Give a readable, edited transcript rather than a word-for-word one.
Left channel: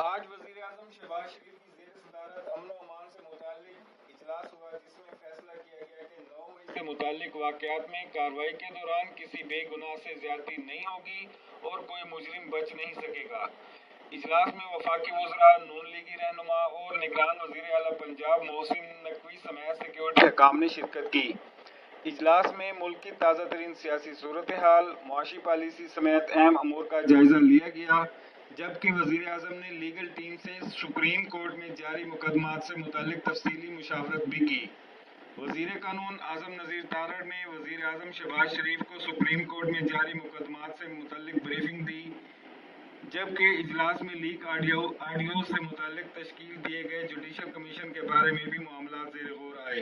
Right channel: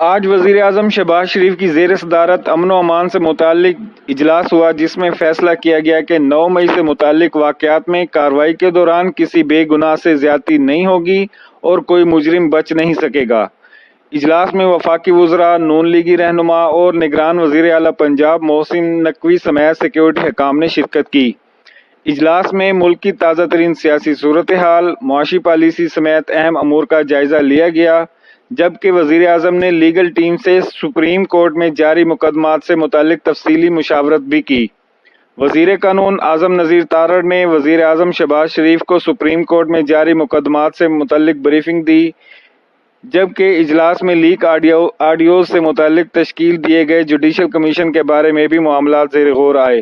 آج وزیر اعظم شہباز شریف کی زیر صدارت امن و امان سے متعلق اجلاس ہوا، جس میں فیصلہ کیا گیا کہ 9 مئی سے متعلق واقعات میں کارروائی کے دوران کسی بے گناہ سے زیادتی نہیں ہوگی اور کوئی مجرم بچ نہیں سکے گا۔ اجلاس میں وفاقی وزراء، نون لیگی رہنما اور نگران وزیر اعلیٰ پنجاب محسن نقوی سمیت سیکورٹی حکام نے شرکت کی۔ اجلاس میں ملک کی تازہ ترین سیاسی صورتحال، معاشی پالیسی سمیت اہم امور کا جائزہ لیا گیا، جبکہ وزیر اعظم نے لیگل ٹیم سے سپریم کورٹ میں جاری مقدمات سے متعلق تفصیلی مشاورت بھی کی۔ وزیر قانون اعظم نذیر تارڑ نے وزیر اعظم شہباز شریف کو سپریم کورٹ میں جاری مقدمات سے متعلق بریفنگ دی، جبکہ اجلاس میں لیک آڈیوز سے متعلق تشکیل دیے گئے جوڈیشل کمیشن کے بارے میں بھی معاملات زیر غور آئے۔